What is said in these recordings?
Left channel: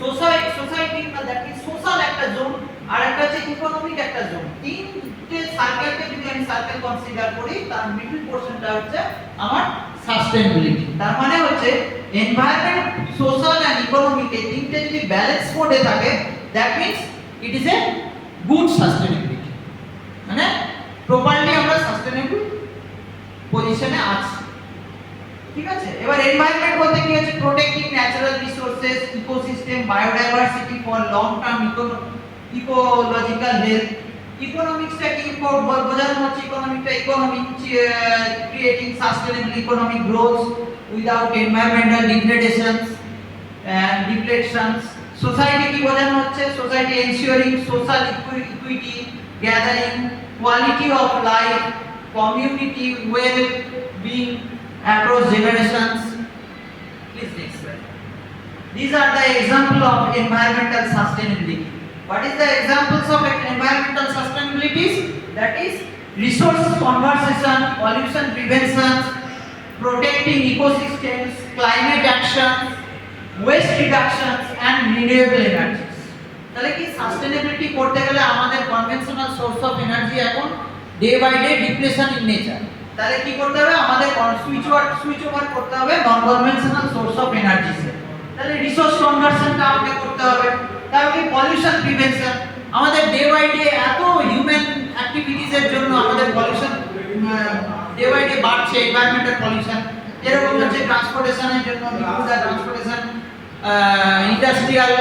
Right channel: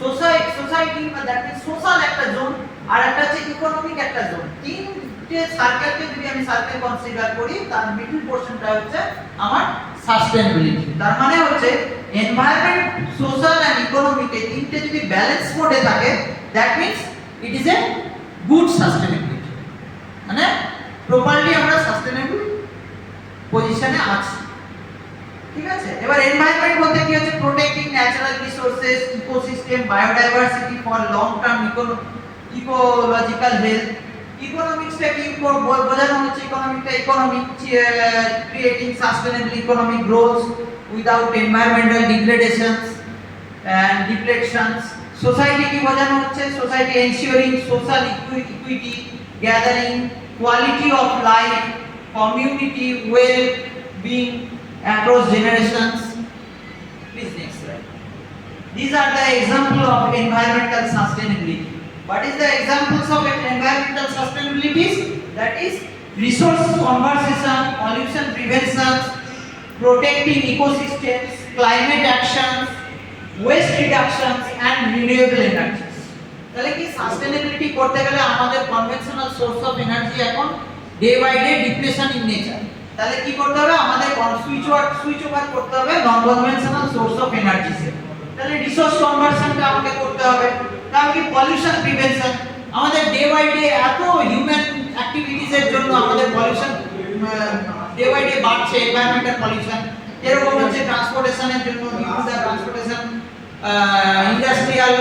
Society বা that means social একটা zone, আর একটা হচ্ছে ইকোনমিক একটা জোন। তিনটে সার্কেলকে যদি আমি সার্কেল কনসিডার করি, তার মিডল পোরশনটা হচ্ছে আমার সাস্টেইনেবিলিটি। তার মানে হচ্ছে এনভায়রনমেন্ট, সোশ্যাল এন্ড ইকোনমিক এই তিনটে যদি ব্যালেন্স মোডে থাকে, that means it is a good sustainability, মানে প্রপারলি আমরা সাস্টেইনেবল পজিশনে আছি। ঠিক আছে, এবার এনভায়রনমেন্ট বলতে কি হচ্ছে protecting natural resources, ecosystem, biodiversity for long term ecological health. ইকোনমিক্সটা কি বোঝানো হচ্ছে, ইকোনমিকটা creating sustainable economic growth without environmental degradations and depletions. Society কি বোঝানো হচ্ছে, society ensuring social equity, gathering quality of life, community well-being across generations. Please next slide. These are the example of environmental sustainability. What is the examples of environmental sustainability? That is resource conservation, pollution prevention, protecting ecosystems, climate actions, waste reductions and renewable energies. তাহলে কি sustainability করতে গেলে আমাদের conventional source of energy এখন day by day depletion in nature. তাহলে কি করতে হবে, আমাদের সুইচ ওভার করতে হবে নন কনভেনশনাল সোর্স অফ এনার্জিতে। তাহলে রিসোর্স কনভার্সনটা আমাকে করতে হবে। তাহলে পলিউশন প্রিভেনশন, আমাদের ডে বাই ডে এত হিউম্যান অ্যাক্টিভিটিস এর জন্য আমাদের পলিউশন ডে বাই ডে বাড়ছে, এনভায়রনমেন্টাল পলিউশন। এরকম হচ্ছে ট্রান্সপোর্টেশনের জন্য, ট্রান্সপোর্টেশন, ইন্ডাস্ট্রিয়াল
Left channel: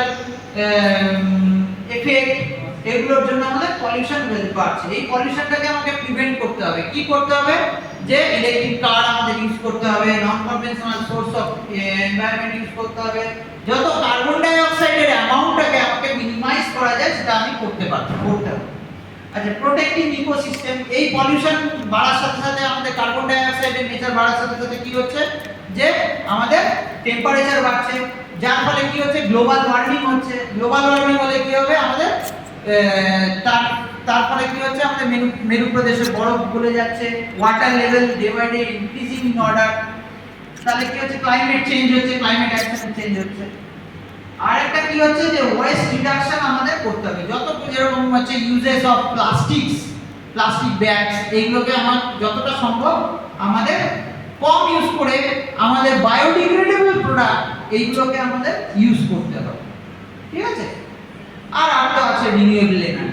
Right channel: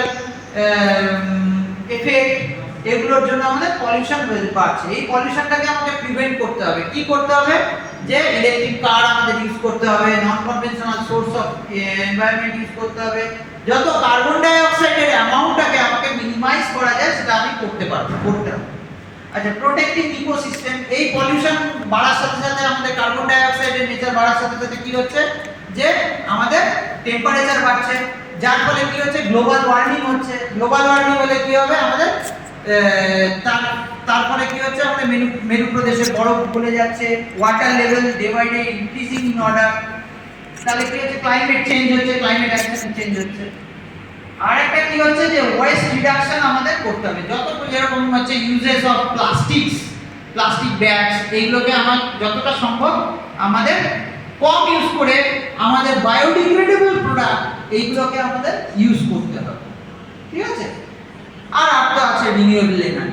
এফেক্ট, এগুলোর জন্য আমাদের পলিউশন বাড়ছে। এই পলিউশনটাকে আমাকে প্রিভেন্ট করতে হবে। কি করতে হবে, যে ইলেকট্রিক কার আমাদের ইউজ করতে হবে, non conventional source of environment use করতে হবে। যত কার্বন ডাই অক্সাইডের অ্যামাউন্টটাকে আমাকে মিনিমাইজ করা যায় সেটা আমি করতে হবে। আচ্ছা, প্রোটেক্টিং ইকোসিস্টেম, এই পলিউশন বাড়ার সাথে সাথে আমাদের কার্বন ডাই অক্সাইডের নেচার বাড়ার সাথে সাথে কি হচ্ছে, যে আমাদের টেম্পারেচার বাড়ছে, যার ফলে কি হচ্ছে গ্লোবাল ওয়ার্মিং হচ্ছে। গ্লোবাল ওয়ার্মিং হলে কি হবে আমাদের তারপরে কি হচ্ছে আমাদের মেরু প্রদেশের বরফ গলে যাচ্ছে, water level day by day increasing in order. তাহলে কি হচ্ছে ক্লাইমেট চেঞ্জ হচ্ছে, ক্লাইমেট অ্যাকশন চেঞ্জ হচ্ছে। আর একটা কি হচ্ছে যে ওয়েস্ট রিডাকশন আমাদের করতে হবে। যত যেরকম হচ্ছে ইউজেস অফ প্লাস্টিক ব্যাগস, এইগুলোকে আমার যতটা সম্ভব আমাদের কম ইউজ করে আমাদের বায়োডিগ্রেডেবল প্রোডাক্ট এইগুলোকে আমাদের ইউজ করতে হবে। ঠিক আছে, আর একটা আছে রিনিউয়েবল এনার্জি।